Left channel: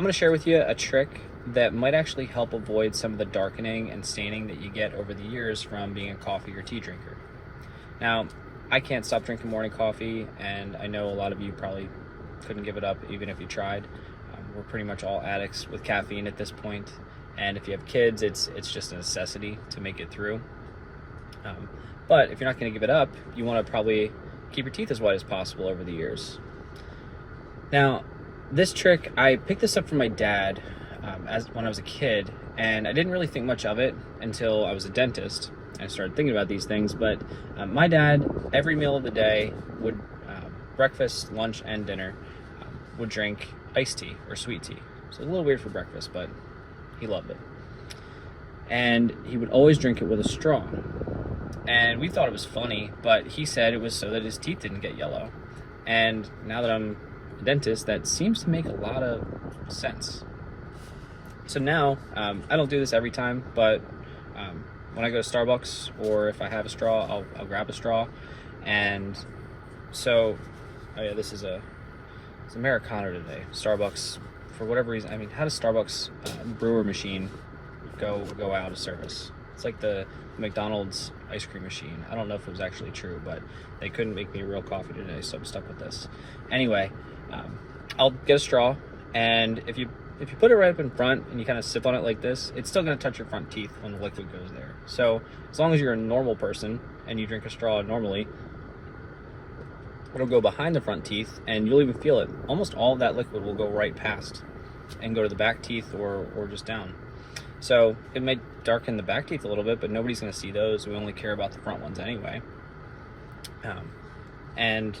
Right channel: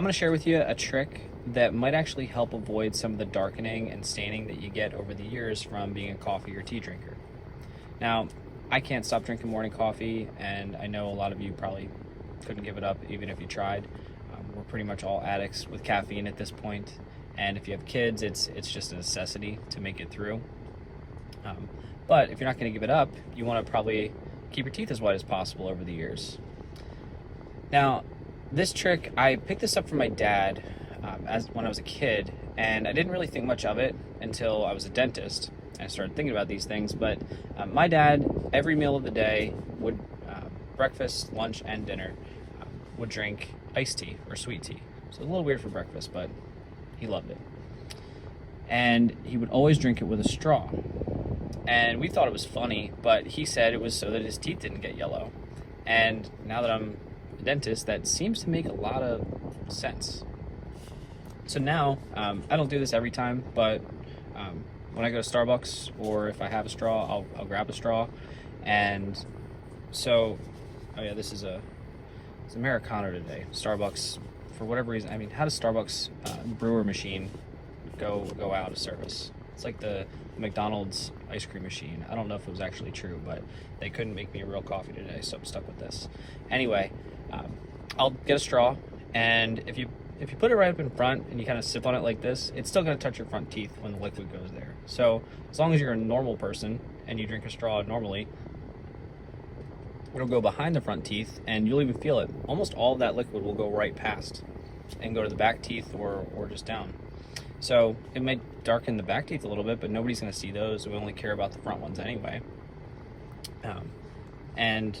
I'm going to share with you a trick that might actually help avoid some of the darkening and staining that you get over the years from being a coffee or tea drinker. Now, I can't stop drinking morning coffee, and I know a lot of you probably couldn't give it up even if you tried. We're pretty much all addicts with caffeine at this point, and if you have kids, it's just a necessity to make it through. But if you're not going to give it up, you want to probably keep your teeth as white as possible over the years. Now, this trick, I picked this up from my dad when I was a kid, and I didn't really think much of it until I was a dentist. I started thinking about these things, but my dad, every meal of the day, would breakfast, lunch, and dinner, would drink iced tea or sweet tea. So a little weird for breakfast, but he loved it. And he would always drink it with a straw. And we thought it was funny, but he said it was so that his teeth didn't get yellow. And now that I'm a dentist, that seems to make a lot of sense. So now, I don't do this every time, but when I go to Starbucks, or if I have a straw, I'll grab a straw. And so, oh yeah, this is it's Americano today. Starbucks, for whatever reason, I mean, how does Starbucks brewer machine go out of service? It's like the McDonald's ice cream machine. I don't know if it was actually true, but they couldn't make me a real coffee today, so I'm stuck with this. Anyway, I'll get a straw, and if you put it right up in front and you kind of sip on it like this, it's still going to touch your front teeth when the liquid goes there. So as long as you're a normal person and you drink a straw normally, it'll go behind the front teeth and you'll even feel it. Almost all of that liquid will go right past and go to the back teeth or just down. So it may darken the back teeth a little bit, but nobody's going to see those. We only care about the front ones anyway. And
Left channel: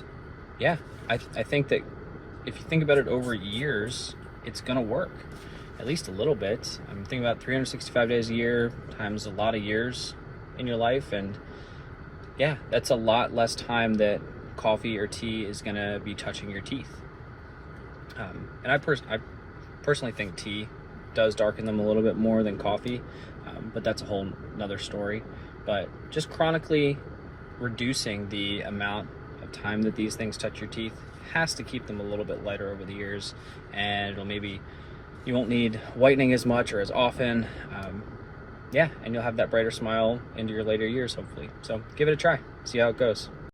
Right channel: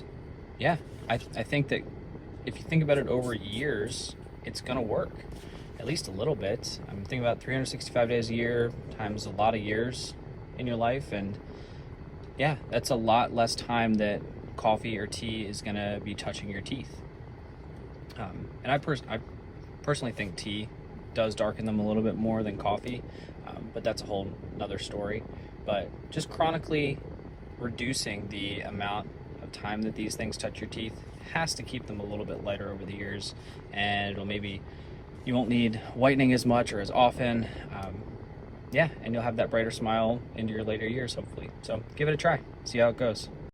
yeah, I think that if you think about it over years, it's going to work at least a little bit. I'm thinking about 365 days a year times a lot of years in your life. And yeah, that's a lot less time that coffee or tea is going to be touching your teeth. And I personally think tea does darken them a little bit more than coffee, but that's a whole nother story. But just chronically reducing the amount of time that these things touch your teeth has to keep them a little bit lighter over the years, and you won't need whitening as much or as often. Yeah, and you'll have that brighter smile into your later years, hopefully. So give it a try, see how it goes.